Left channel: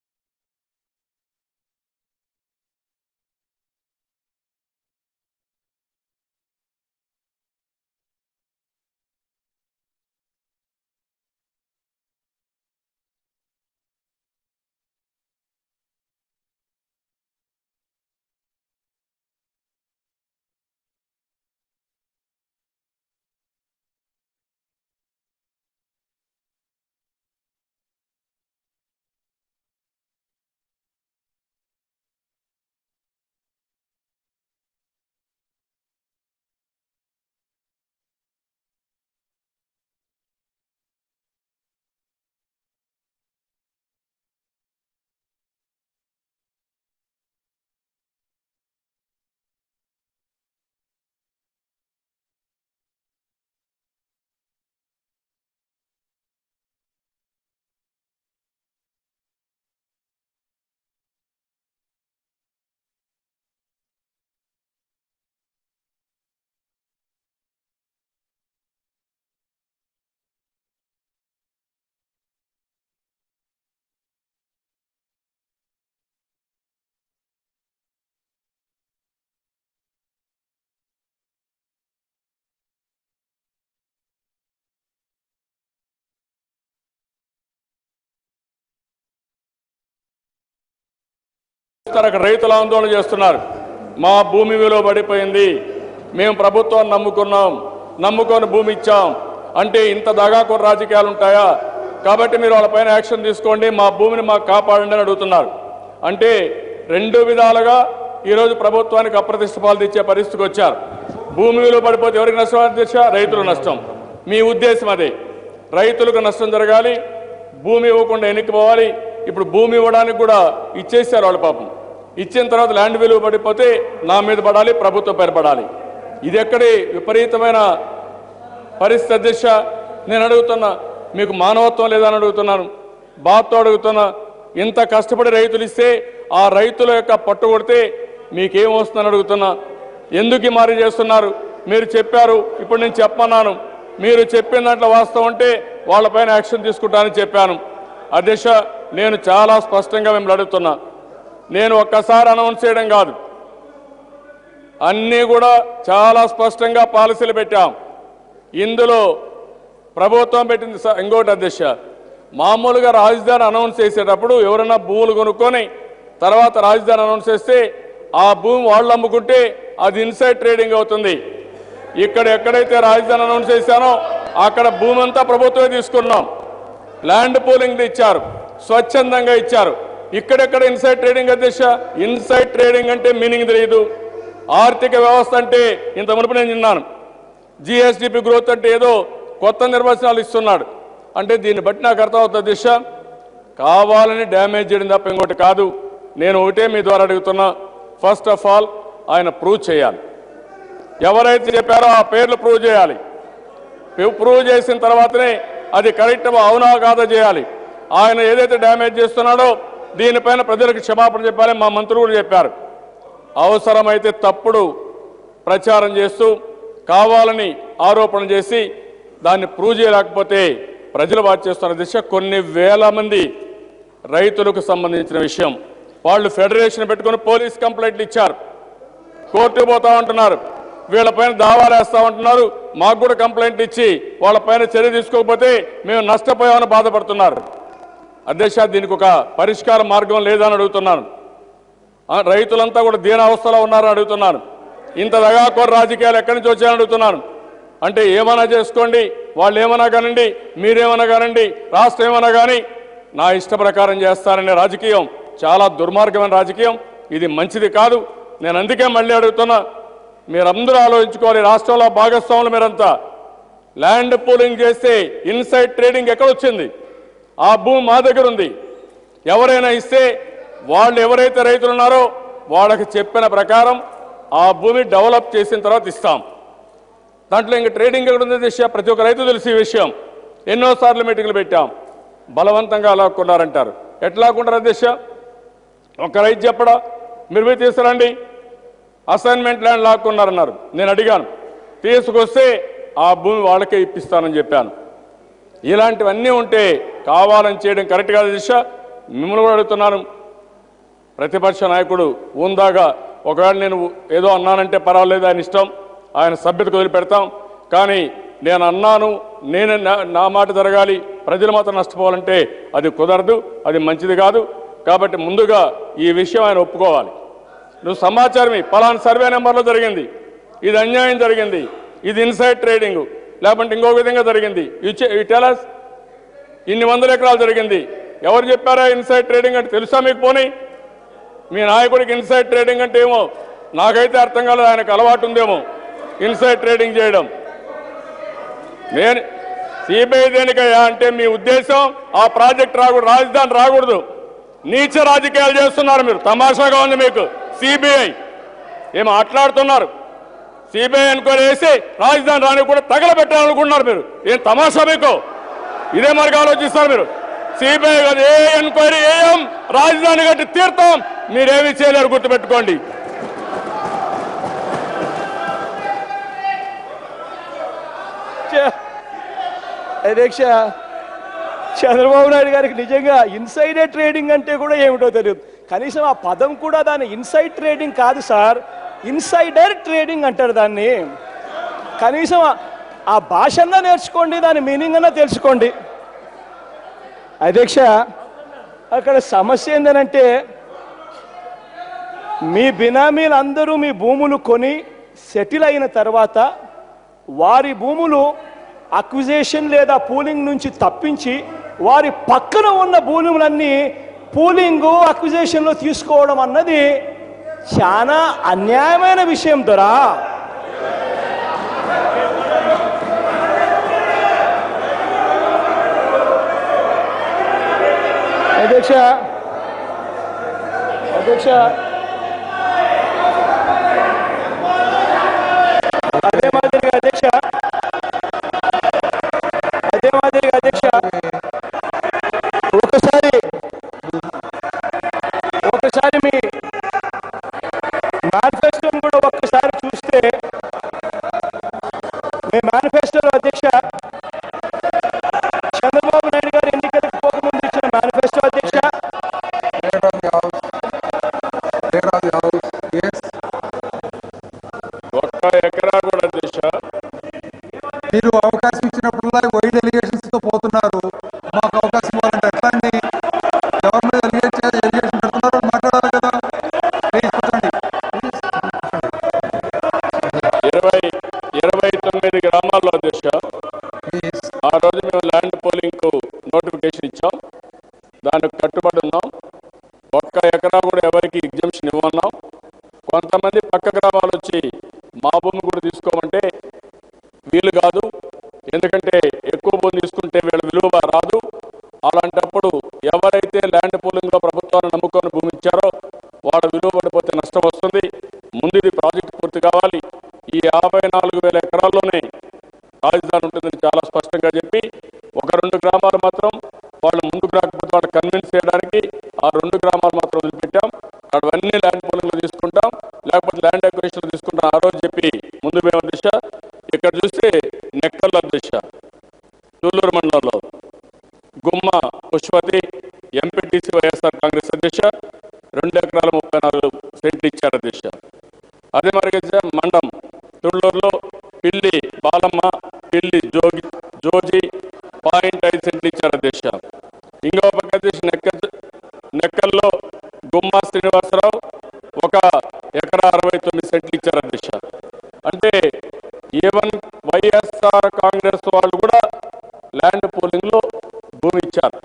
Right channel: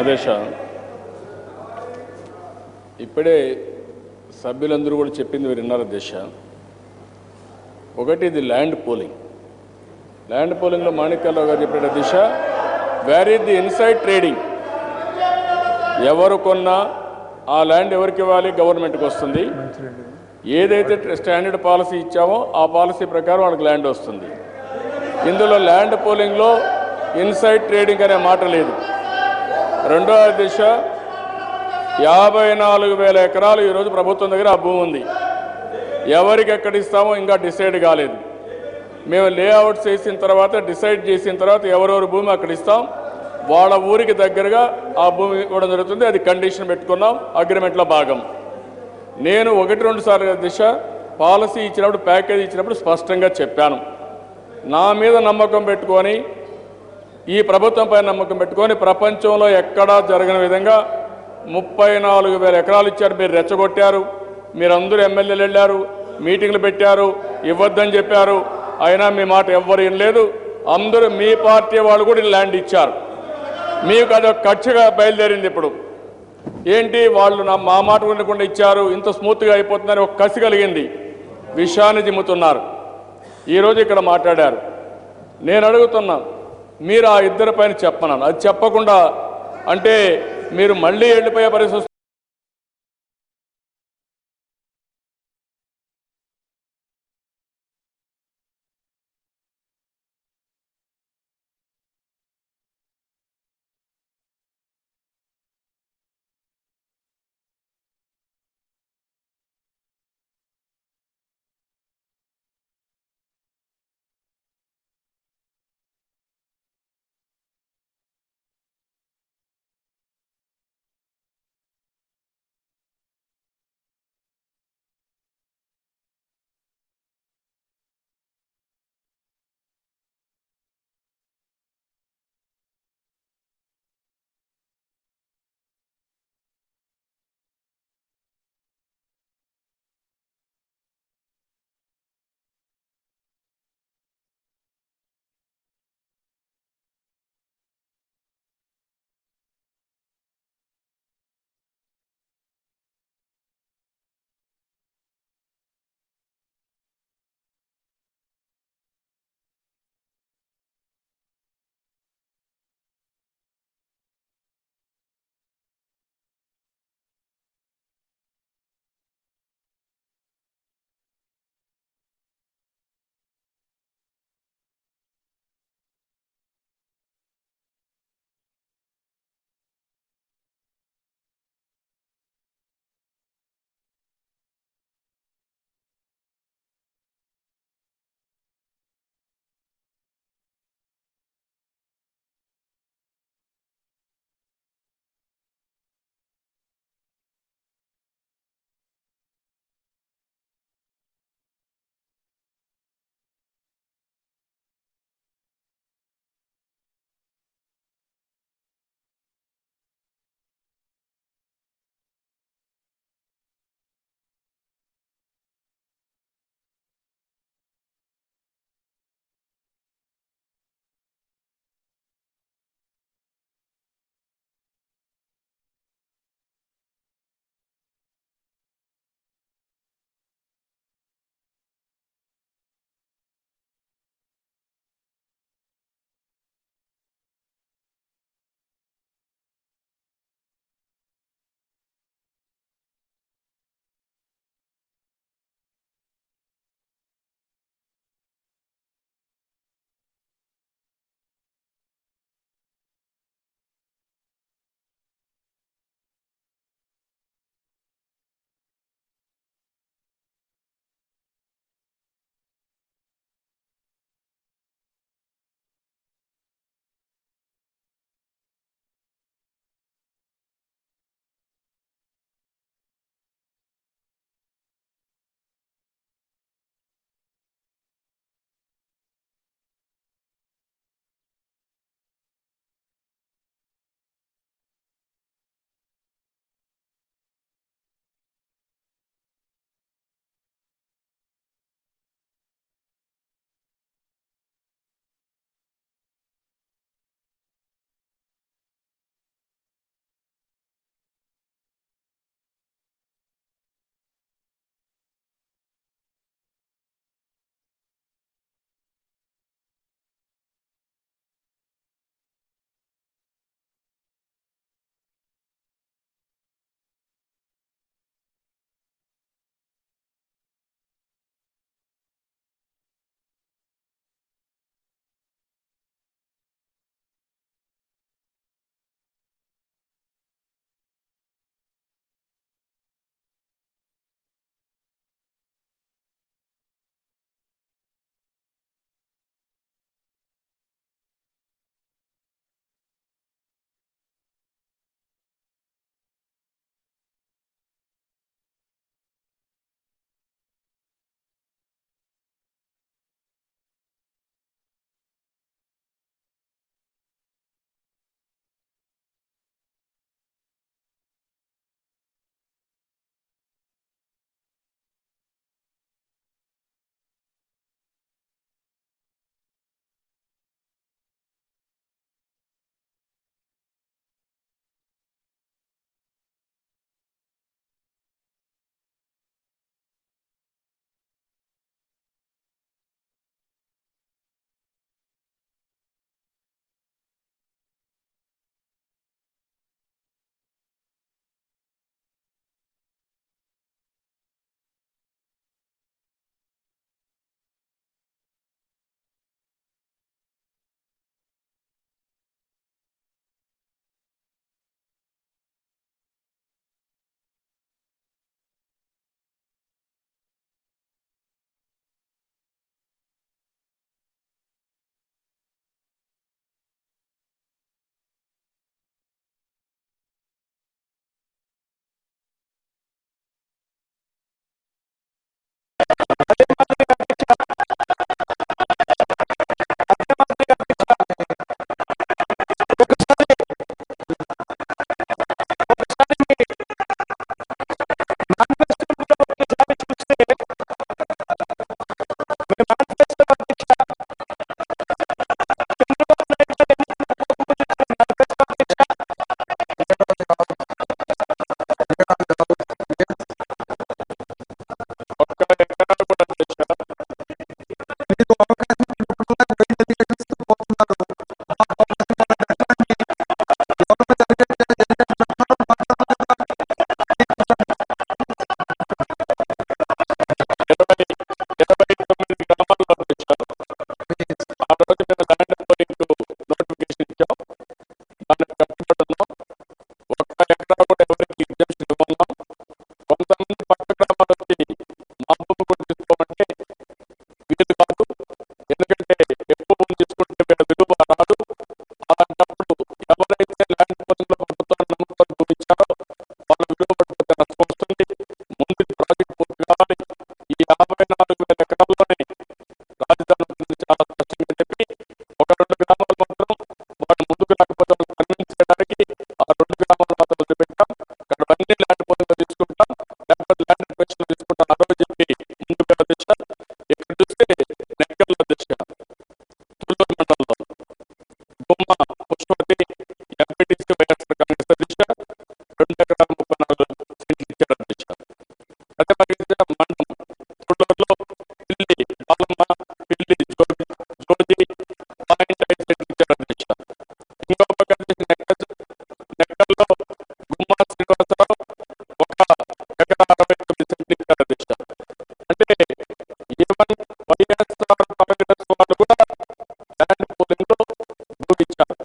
అదేష ఇప్పుడే సభ్యులందరూ కూడా చెప్పింది మీరు విన్నారు దిశ. ఒకటి ఇది ల్యాండ్ పూలింగ్లో మాణిక్యాలరావు గారు చెప్పిన దిశ, where is the inside trading. ఎవరు కొన్నా ఆ ల్యాండ్ ఎవరికి ఇవ్వాలి? గవర్నమెంట్కి వస్తుంది. ఏదైతే స్టాండర్డ్ పాలసీ ఇచ్చామో ఆ పాలసీ ప్రకారం వాళ్ళకి ల్యాండ్ వస్తుంది. ఇందులో ల్యాండ్ పూలింగ్లో ఇన్సైడ్ ట్రేడింగ్ అనే మాట లేదు. రెండవ దిశ, 54,000 ఎకరాలు ఈరోజు ప్రభుత్వం దగ్గర ఆ భూమి ఉంది. ఎవరికి ఎక్కడ ఇస్తామో ఇంకా డిసైడ్ కాలేదు. మేము లేఅవుట్స్ చేసిన తర్వాత డిసైడ్ చేసిన తర్వాత ఎవరెవరి భూమి అక్కడ ఇస్తాం, వాళ్ళ ఊరికి దగ్గరగా ఆ భూమి ఇవ్వడం జరుగుతుంది. అది కండిషన్ పెట్టుకున్నాం, అగ్రిమెంట్లో భాగం. నేను 1-2 సార్లు దిశ పాలసీ ఇచ్చినప్పుడు, ప్యాకేజ్ ఇచ్చినప్పుడు స్పష్టంగా చెప్పాను. నా మీద నమ్మకం పెట్టుకొని, ఈ ప్రభుత్వంపై నమ్మకం పెట్టుకొని ప్రపంచంలో ఎక్కడా జరగని విధంగా 34,000 ఎకరాలు ఇచ్చారు. మీరు రెచ్చగొట్టారు. మీరందరూ ఎమ్మెల్యేలు వెళ్ళారు, మీటింగ్లు పెట్టారు, ఇవ్వద్దని చెప్పారు. అయినా మీ మాట ఎవ్వరు వినలేదు. అందరూ మీ పార్టీ వాళ్ళు కూడా ల్యాండ్ ఇచ్చారు. మీకు అదొక కక్షగా బయలుదేరింది. ఇప్పుడు ఏంటి వాళ్ళు మా మాట వినకుండా ఇచ్చారు, ఇంత స్మూత్గా అయిపోతుందని ఒక కసి కలిగింది. విషయాన్ని జిమ్ముతున్నారు. ఈరోజు ఇక్కడ మాట్లాడారు. నేను అడుగుతున్నా, మీరు ఆ ఇద్దరి పైన చెప్పన్నాను. అది చెప్పకుండా అంటే మీరు మళ్ళీ వెళ్ళిపోయే పరిస్థితి వస్తున్నారు. అక్కడ రైతులు ఆందోళన చేస్తున్నారు. మా భూమి విలువ పడిపోయింది, మేము ప్రభుత్వాన్ని నమ్ముకొని భూమి ఇచ్చాం అంటే ఇంత దగాకోర రాజకీయాలు ఉంటాయా? కాబట్టి మీరు వాళ్ళపైన యాక్షన్ తీసుకోండి, మా భూమిని మాకు కాపాడండి అని అడుగుతున్నారు. అంటే 2 విధాలుగా ఈరోజు ప్రభుత్వానికి అప్రతిష్ట పాలు తెచ్చే పరిస్థితికి వచ్చారు. భూమి విలువ పడిపోతే ఎవరికి నష్టం అధ్యక్ష? రైతులకు నష్టం. మీ ఉద్దేశం అదే, రైతులకు నష్టం జరగాలి, భూమి ఇవ్వకుండా ఎన్నికపోవాలి. ఇప్పుడు భూమి ఇవ్వడానికి కూడా ఇచ్చేసారు వాళ్ళు. పాపం ఇచ్చిన తర్వాత ల్యాండ్ విలువ పడిపోతే నా మీద పడాలి, ప్రభుత్వం పైన పడాలి. ఇది ఎక్కడి విపరీతమైన పరిస్థితి అధ్యక్ష. నేను అడుగుతున్నా, మీకు మానవత్వం లేదని అడుగుతున్నాను, బాధతో అడుగుతున్నా. ఇంత కష్టపడి రైతులు ఇస్తే ఆ రైతుల యొక్క పట్టు కొడితే మీకేం వస్తుందని అడుగుతున్నా. ఎందుకు మారి చేస్తున్నారు? మీరు చెప్పారు, ఇప్పుడు నేను చెప్పన్నాను. మీరు చెప్పిన దాంట్లో వాస్తవం అంటే వాళ్ళపైన యాక్షన్ తీసుకుంటానని చెప్పాను. అధ్యక్ష, నేను చాలా స్పష్టంగా మిమ్మల్ని అడుగుతున్నా. నేను ఒక్కసారి అనౌన్స్ చేయడం కాదు, అన్నీ కూడా చాలా స్పష్టంగా పాలసీలు పెట్టాం. ఇందులో ప్రభుత్వం పెట్టింది ఇంకోటి అధ్యక్ష, మామూలుగా రాజధాని అనౌన్స్ చేసేటప్పుడు ఎవరైనా భూములు కొనుక్కొని తర్వాత రాజధాని అనౌన్స్ చేస్తే ఆ భూమి వాళ్ళు అమ్ముకుంటే అది ఇన్సైడ్ ట్రేడింగ్ అవుతుంది. ఇక్కడ ఎక్కడైతే రాజధాని అనౌన్స్ చేశానో అక్కడ భూమి అంతా ప్రభుత్వమే తీసుకున్నాం. ల్యాండ్ పూలింగ్ ఇచ్చారు, స్వచ్ఛందంగా ఇచ్చారు. ఇక్కడెక్కడ ఇన్సైడ్ ట్రేడింగ్ అధ్యక్ష? ఇన్సైడ్ ట్రేడింగ్ అంటే మీనింగ్ తెలియదు. ఆర్థిక వ్యవస్థ అంటే ఇంత మునుపు నేను విన్నాను, జిఎస్డిపి గ్రోత్ అంటే ఏదో కొత్త నిర్వచనాలు ఇస్తున్నాడు. అంటే దీన్ని బట్టి నాకు అర్థమవుతుంది దిశ, కావాలని డ్యామేజ్ చేయడం తప్ప ఇంకోటి కాదు. నేను ఒకటే మీ ద్వారా అడుగుతున్నా, ఫస్ట్ ఆఫ్ ఆల్ ఆయన ప్రూవ్ చేయాలి. ఎవరైతే చెప్పారో ఆ పేర్లు ప్రూవ్ చేయాలి. ప్రూవ్ చేసిన తర్వాతనే అది కరెక్ట్ అవునా కాదా చేయాలి. ఆయన ఏదైతే డ్యామేజ్ చేస్తున్నాడో దీనిపైన ప్రజలకు క్షమాపణ చెప్పాలి. మా మంత్రులు కూడా చెప్పారు. అవసరమైతే తప్పుడు ప్రచారం చేస్తూ కావాలని ఆరోపణ చేసి దాన్ని ప్రూవ్ చేయలేకపోతే ప్రజలు వాచ్ చేస్తున్న దిశ. కొన్ని వేల మంది రైతులకు సంబంధించిన విషయం, వాళ్ళు ఫెడరేషన్ పెట్టుకుని పోలీస్ కంప్లైంట్లు ఇచ్చారు, కోర్టుకు పోతా ఉంటున్నారు, వీళ్ళపైన దావాలు వేస్తా ఉంటున్నారు. మాకు కూడా కంప్లైంట్ ఇచ్చి వాళ్ళపైన చర్య తీసుకోకపోతే మేము నష్టపోయామని బాధపడుతున్నారు. అధ్యక్ష, దీనికి ఒక పరిష్కార మార్గం లేదని అడుగుతున్నాను. రైతులంతా కూడా దీనావస్థలో ఉన్నారని అడుగుతున్నాను. ఇంత దగాకోర రాజకీయాలు ఎక్కడి నుంచి వచ్చాయని అడుగుతున్నాను. అంటే ఏమైనా చేసుకోండి, వాళ్ళు ఏమైనా కానండి, మీరేమైనా కానండి, రాష్ట్రం ఏమైనా కానీ నా ఇష్ట ప్రకారం చేస్తారనే రాజకీయం చాలా దుర్మార్గమైన రాజకీయం. ఇది మంచిది కాదు. నేను అందుకే మళ్ళీ అడుగుతున్నా, మీరందరూ ఆలోచించుకోవాలి. రాష్ట్రంలో భాగస్వాములు మీరంతా ల్యాండ్ పూలింగ్ చేస్తే ఇన్సైడ్ ట్రేడింగ్ ఎక్కడొచ్చింది? ఆ భూమి మా దగ్గర ఉంది. ఎవరైనా ఇస్తే వాళ్ళు ఎవరైతే రైతులు ఉన్నారో వాళ్ళకి చెప్పిన ప్రకారం ఆ భూమి డెవలప్ చేసిన తర్వాత ఇస్తాం. దాంట్లో ఇంకా ట్రేడింగ్ ఎక్కడ ఉంది దిశ? ప్రతి ఒక్క రైతు తెలిసి ఈ విషయం. ఎన్నోసార్లు మీటింగ్లు పెట్టాం. బలవంతంగా లాక్కున్నారంటారు. ఎట్లా లాక్కుంటారు దిశ? ఒక రైతు చెప్పడా, మీరు పోయి తీసుకురండి, అసైన్మెంట్ ల్యాండ్ లాక్కున్నారన్నారు. నేను అడిగాను, తీసుకొస్తే ఆ భూమి వాళ్ళకే ఇప్పిస్తానని చెప్పాను. ఇలాంటివన్నీ ఉంటే కావాలని చేయడం కరెక్ట్ కాదు దిశ. మిమ్మల్ని కూడా అడుగుతున్నాను, ప్రతిపక్ష నాయకుడు ఉందాగా ఒకవేళ నేను ఏదో అన్నానంటే పర్వాలేదు, ఆయన ఇష్టం, ఆయన సభ్యతకు వదిలిపెడతాం. కానీ నేను అన్నాను, నేను నా మాట జరగాలి, ప్రజలు మాత్రం నష్టపోవాలంటే అది కుదరదు, అది మంచిది కాదు. కాబట్టి ముందుగా ఈ విషయం ఆయన ఒప్పుకోవాలి. నువ్వు సమాచారం పలానా సర్వే నెంబర్లో జరిగింది, ఇది అన్యాయం జరిగింది, ఇది ఇన్సైడ్ ట్రేడింగ్, లేకుంటే ఇంకో విధంగా జరిగింది, ఈ టెలస్ ఇన్ని వందల ఎకరాలు జరిగింది, ఎవరు చెప్పారా ఇన్సైడ్ ట్రేడింగ్ అంటే? తెలుసా మీకు? పోనీ మీ నాయకుడికి ఇన్సైడ్ ట్రేడింగ్ అంటే ఏమో నాకైతే అర్థం కాలేదు, ఆయనకు అలవాటు ఉందేమో ఇన్సైడ్ ట్రేడింగ్ చేయడం. నేను సిబిఐ దేనికయ్యా అంటే మీ ఉద్దేశం ఆ ప్రాజెక్ట్ రాకూడదు, రాజధాని రాకూడదు, నీచ రాజకీయాలు చేస్తున్నారు మీరు. తమాషాగా ఉంది మీకు. సిబిఐ ఏం మాట్లాడుతున్నారు? సిబిఐ ఎంక్వైరీ వేసి రాజధాని రాని కూడా తగలబెట్టాలనుకుంటున్నారు మీరు. ఏం తమాషా మీకు? ఇదే మరికి ఆలోచిస్తారు మీరు. సిబిఐ కాదు, ఏ ఎంక్వైరీ ఏం రాజధాని కట్టి తీర్థం, మీరేమి చేయలేరు, గుర్తుపెట్టుకోండి. అధ్యక్ష, చంద్రబాబు నాయుడు గారికి నిజంగా ఇన్సైడే ట్రేడింగ్ అంటే కూడా ఏమిటో తెలియదు. కనీసం ఆ పదం కూడా దాన్ని ఇన్సైడ్ ట్రేడింగ్ కాదు సార్, ఇన్సైడర్ ట్రేడింగ్ అంటారు దాన్ని. కనీసం ఆ భాష అన్నా నేర్చుకోండి, దాని మీనింగ్ అన్నా తెలుసుకోండి. అధ్యక్ష, అక్కడ సమస్య ఏంటంటే మీ బినామీలు అందరూ మీ భూములు కొని సెటిల్ అయిన తర్వాత వారి భూములు అక్విజేషన్ లేదా పూలింగ్ నుంచి తప్పించి వారి పక్కన ఉన్న భూములన్నీ పూలింగ్ అక్విజేషన్లో తీసుకోవడం అన్నది చాలా అన్యాయమైన విషయం దొరా. అధ్యక్ష, అదే మాదిరిగా అధ్యక్ష ఒకసారి మీ మేనిఫెస్టోని కూడా ఒక్కసారి చూస్తే, మీ మేనిఫెస్టోలో అధ్యక్ష చంద్రబాబు నాయుడు గారు ఎన్నికలకు పోకముందు ఇచ్చిన మేనిఫెస్టో అధ్యక్ష, ఒక్క ఎకరా కూడా అధ్యక్ష మీరు అవకాశం ఇచ్చినప్పుడల్లా వైల్డ్ ఎలిగేషన్స్తో పోతున్నారు. మాకు అవకాశం ఇవ్వాలంటే ఎట్లా అండి? ఎవరి మీద ఎలిగేషన్ పెడుతున్నారో వాళ్ళు మాట్లాడాలి కదా. ప్లీజ్ కూర్చోండి, కూర్చోండి. 29 గ్రామాల్లో అధ్యక్ష ప్లీజ్. ఆ రోజు మేము ల్యాండ్ పోలింగ్కు నోటిఫికేషన్ ఇచ్చాం, దానికి కట్టుబడి ఉన్నాం. ఒక్క ఎకరా కూడా ఎవరికి ఎగ్జంప్షన్ ఇవ్వన్నాం. కొంతమంది పక్క గ్రామాలు వచ్చి మా భూమి కూడా తీసుకోమంటే వీలు కాదు, ఎందుకంటే ఎక్కువ భూమి తీసుకుంటే వీళ్ళ విలువ రాదు. అలాంటప్పుడు ఎవరైతే ల్యాండ్ పోలింగ్లో ప్రభుత్వాన్ని నమ్ముకొని భూమి ఇచ్చారో వాళ్ళ విలువ పడిపోతే నష్టం వస్తుంది. ముందు ఇది ప్రాజెక్టు పూర్తి కావాలి. ఈ 54,000 ఎకరాల్లోనే రాజధాని ఉంటుందని చాలా స్పష్టంగా చెప్పి, 1-2 గ్రామాలు మాత్రం వాళ్ళు ముందుకు రాకపోతే వాళ్ళు కన్విన్స్ చేయడానికి ఆ 2 గ్రామాలు మాత్రం వదిలిపెట్టాం. అక్కడవన్నీ ల్యాండ్ పోలింగ్లో తీసుకుంటాం, లేకపోతే ల్యాండ్ అక్విజిషన్లో తీసుకుంటాం ఆ రోజు చెప్పి ముందు మేము అధ్యక్ష. ఇక్కడ చూస్తే నెక్కల్లో అధ్యక్ష తుళ్ళూరు మండలంలో గుమ్మ పుష్పతి ఎంపీటీసీ వైఎస్ఆర్ కాంగ్రెస్ అధ్యక్ష 2 ఎకరాల 34 సెంట్లు ఇచ్చారు అధ్యక్ష. అదే మరి మండం తుళ్ళూరులో పిల్లి బాలమ్మ, పిల్లి జోజి 0.5 సెంట్లు ఇచ్చారు అధ్యక్ష. ఇంకో పక్క అధ్యక్ష నెక్కల్లో గుమ్మా శ్రీనివాసరావు 1 ఎకరా 69 సెంట్లు ఇచ్చారు అధ్యక్ష. అంటే ఈవెన్ వైఎస్ఆర్ కాంగ్రెస్ వాళ్ళు కూడా ల్యాండ్ పోలింగ్లో భూమి ఇచ్చారు.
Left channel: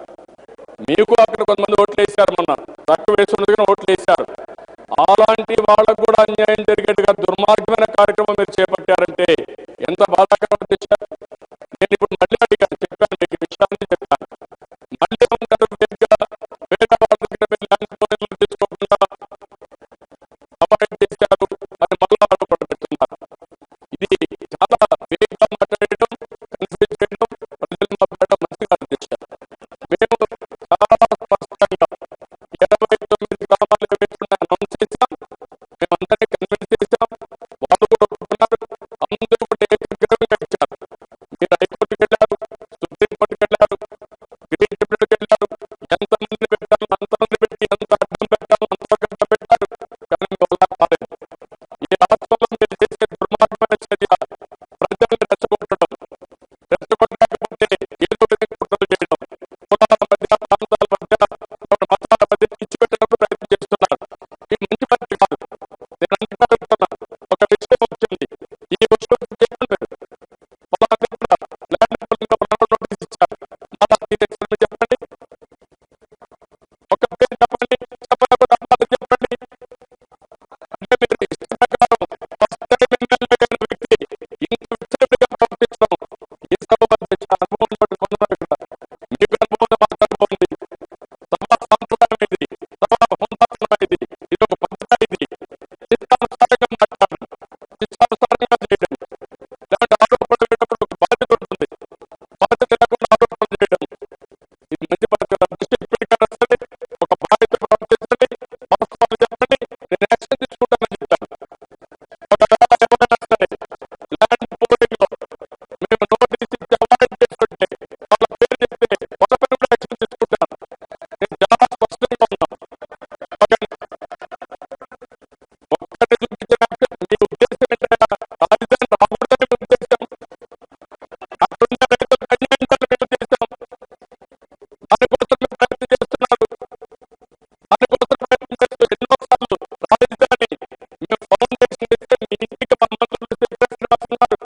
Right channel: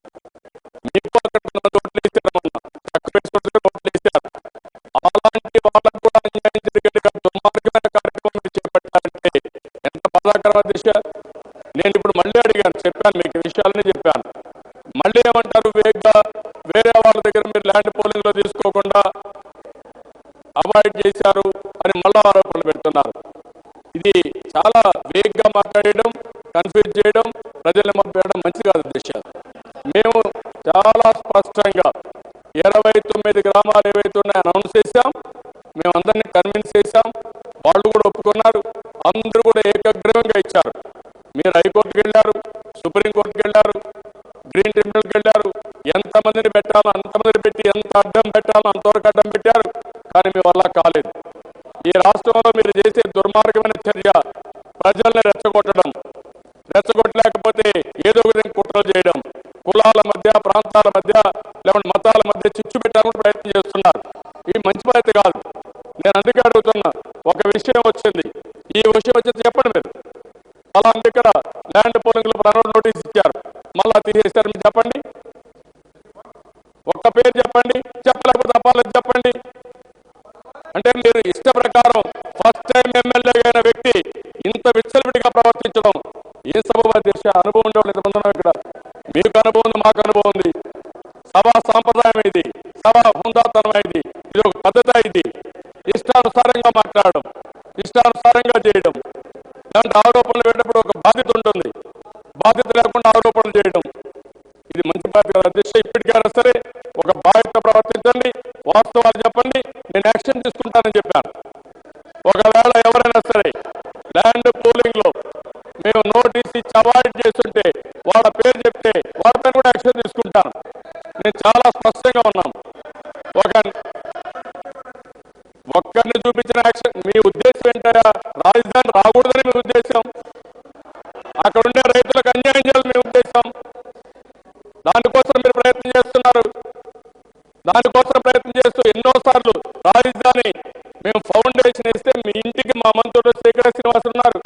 మీకు అక్కడ కొంతమంది ఓట్లు వేశారు, మొన్న తక్కువ వేసి ఉండదు కానీ ఓట్లు వేశారు. అలాంటి వాళ్ళకు కూడా అన్యాయం జరిగేట్టుగా దుర్మార్గమైన కార్యక్రమం మీరు చేపట్టారంటే ఎంత బాధాకరం అధ్యక్ష. నేను ఇప్పుడు మళ్ళీ అడిగాను, చెప్పాను, మీకు ఈ విషయాలన్నీ చెప్పాను. మళ్ళీ ఏమంటారు? వేగ్గా వేరే వాళ్ళ దగ్గర మీరు ల్యాండ్ పోలింగ్లో తీసుకోకుండా అవాయిడ్ చేశారు అని మళ్ళా ఆరోపణలు పెడుతున్నారు. ఇది చాలా వేగ్గా మాట్లాడడం, కన్ఫ్యూజ్ చేయడం, ప్రజల్ని మభ్యపెట్టడం మంచిది కాదు అధ్యక్ష. మేము చాలా స్పష్టంగా 29 గ్రామాలు ఏవైతే ఉన్నాయో అనౌన్స్ చేశాం, మేము అందరినీ కన్విన్స్ చేశాం, వాళ్ళు కూడా ఒప్పుకున్నారు, అందరూ కూడా ఏకగ్రీవంగా ఇచ్చారు. మీరు హైకోర్టుకు వెళ్ళారు, సుప్రీంకోర్టుకి వెళ్ళారు, గ్రీన్ ట్రిబ్యునల్కి వెళ్ళారు. ఎంతమందిని పెట్టాలో అంతమందిని పెట్టి, ఎంత అడ్డం పెట్టాలో అంతవరకు అడ్డం పెట్టారు. కానీ మీ వల్ల కాలేదు. ఈ రాష్ట్రంలో మీరు చేసే దుర్మార్గమైన చర్య ప్రజల్ని రెచ్చగొట్టడం, రెచ్చగొట్టలేకపోతే ఏదో విధంగా కుట్రలు చేయడం, కులాల మధ్య, ప్రాంతాల మధ్య, లేకుంటే మతాల మధ్య చిచ్చు పెట్టాలని కూడా ప్రయత్నం చేస్తున్నారు. ఇది మంచి పద్ధతి కాదు. నేను అందుకే అడుగుతున్నా, ఒక విషయం వచ్చింది, ఈ విషయం వచ్చి చెప్పండి మీరు. పలాంది ఇక్కడ ల్యాండ్ పోలింగ్లో పలానా నోటీస్ ఇచ్చారు, మళ్ళా తీసేశారు, మీరు చెప్పండి. ఒక్క పేరు చెప్పండి, చెప్పలేకపోతే అపాలజీ చెప్పండి. అంటే మీరు ఇష్ట ప్రకారం ఫస్ట్ టైం ఎమ్మెల్యేగా అయిన వ్యక్తి ఇంత విచ్చలవిడిగా ప్రవర్తించడం ఏ సభ అధ్యక్ష? అనుభవం ఉండేవాళ్ళు ఇంతమంది ఉన్నాం ఇక్కడ. మీకు అనుభవం ఉంది, మాకు అనుభవం ఉంది. సభా సాంప్రదాయం ఇది, సభా హుందాతనం ఇది, ఇది ఒక పద్ధతి. ఇది ఇష్టానుసారంగా మాట్లాడడం, ఇష్టానుసారంగా చేయడం, లేదంటే ఆరోపణలు పెట్టేటప్పుడు ఒక బాధ్యత ఉంటుంది, బాధ్యత లేకుండా ఆరోపణలు చేయడం ఇది మంచి పద్ధతి కదా అధ్యక్ష. ఇప్పటికైనా సరే ఒక బాధ్యత ప్రవర్తించండి, వాస్తవాలు చెప్పండి, నేను యాక్షన్ తీసుకుంటానని చెప్పాను. ఒకవేళ ఎవరైనా సరే ల్యాండ్ పోలింగ్లో మేము నోటీస్ ఇచ్చి అవాయిడ్ చేస్తుంటే వాళ్ళ పేరు చెప్తే వాళ్ళపైన కూడా యాక్షన్ తీసుకుంటాను. నేను చాలా స్పష్టంగా ఉన్నాం. ఒక్కరిని చూపించిన యాక్షన్. మీ ఉద్దేశం ఏంటయ్యా? రాజధాని రాకూడదని మీ ఉద్దేశం, అక్కడ ఉండే రైతులకు అన్యాయం చేయాలని మీ ఉద్దేశం. దానికోసం మీరు ప్రయత్నం చేస్తున్నారు. దానికోసం ప్రయత్నం చేస్తూ ఎన్నోసార్లు రాజధాని మేము ఫౌండేషన్ వేస్తే మీ ఇంటికి మా మంత్రులు శేఖర శ్రీనివాసులు ఉన్నారు,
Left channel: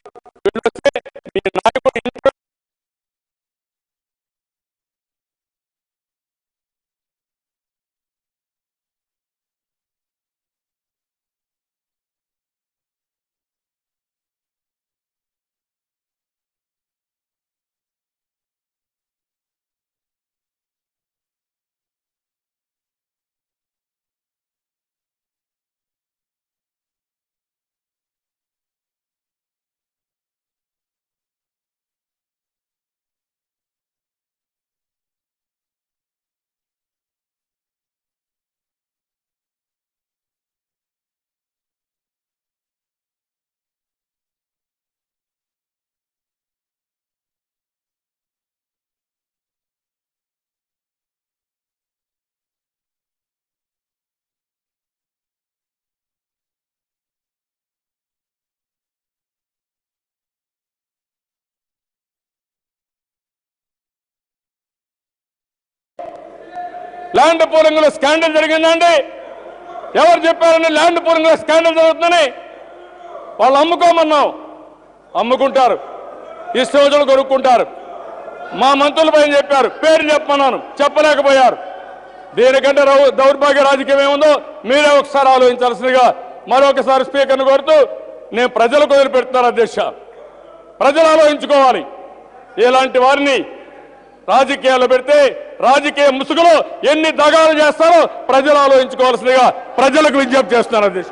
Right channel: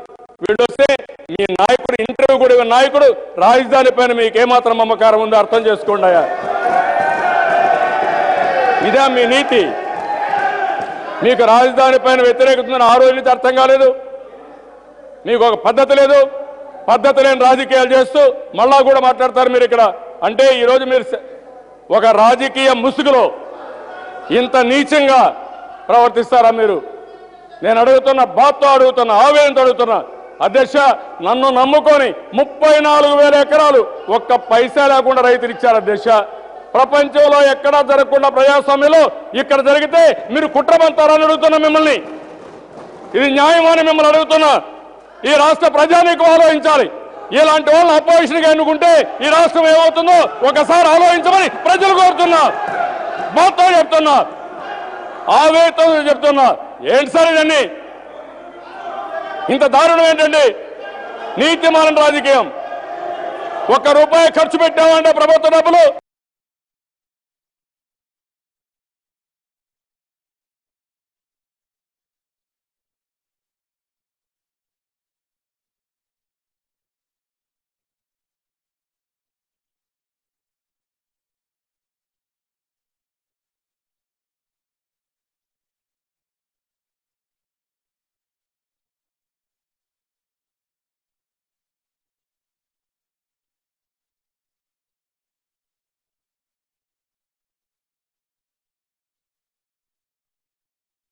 వీళ్ళు వస్తే మీ నాయకుడు, ఇంటర్వ్యూ కూడా నాయకుడు, రాజధాని పైన మీకు ఏమాత్రం మమకారం ఉందో అర్థం చేసుకోండి అయ్యా. ఇదే మీ నీతి. మీకు రాజధాని పైన వ్యతిరేకత ఉందని ఆ రోజు నుంచి అర్థం కాలేదు. మీకు ఒక పద్ధతి లేదు. పద్ధతి లేని రాజకీయాలు చేస్తూ మళ్ళా కూడా మాట్లాడతారు మీరు ఇక్కడ. అంటే ఈరోజు మీరు ఒక రాజకీయ ముసుగులో ఇంత నీచంగా ప్రవర్తిస్తారా మీరు? నేను అడుగుతున్నా, బాధతో అడుగుతున్నా, ఆవేదనతో అడుగుతున్నా అధ్యక్ష. నన్ను నమ్ముకొని 34,000 ఎకరాలు ఒక్క పైసా లేకుండా రైతులు ఇచ్చారు అధ్యక్ష. ప్రపంచంలో ఎక్కడా జరగకుండా ప్రజాస్వామ్యంలో ఇక్కడ జరిగితే మీరు కుట్రమంతారని అడుగుతున్నా మిమ్మల్ని. ఇది న్యాయమని మిమ్మల్ని అడుగుతున్నా. ఈ రాష్ట్ర ప్రజానీకం ఆలోచించాలి. ఇలాంటి వాళ్ళని అపోజిషన్గా ఎన్నుకుంటే ఈ రాష్ట్రం ఏమవుతుందో ఒకసారి ఆలోచించమని ప్రజలు కోరుతున్నా. బాధతో చెప్తున్నా, ఆవేదనతో చెప్తున్నా. ఏంటి సార్ ఇవన్నీ? ఇంత దారుణం ఏంటండి? నీతిమాలిన రాజకీయం. ₹1 ఖర్చు పెట్టామంటే ప్రభుత్వ డబ్బులు ల్యాండ్ పూలింగ్లో స్కాండల్ జరిగిందండి. ఎవరు చెప్పారని ల్యాండ్ పూలింగ్లో స్కాండల్ జరుగుతుందని? వాళ్ళు అమ్ముకోమన్నాం, అమ్ముకుంటారు, ఇష్టం రోజులు కొనుక్కుంటారు. మా మంత్రులపై చెప్పారు, పేరు చెప్పమన్నాను, చెప్పలేకపోయారు. దీనికంటే దౌర్భాగ్య రాజకీయం ఏముందో మీరే ఒకసారి ఆలోచించాల్సిందిగా మరొకసారి స్పీకర్ను కోరుతూ నేను ప్రజలకు వదిలిపెడుతున్నాను అధ్యక్ష. ప్రజలు ఆలోచించుకోవాలి. ఇలాంటి వారిని రాజకీయాల్లో పెడితే రాజకీయ ముసుగులో ఎన్ని దగాలు చేస్తారో ప్రజలు ఆలోచించుకోవాల్సిందిగా ప్రజలకు విజ్ఞప్తి చేస్తున్నాను అధ్యక్ష.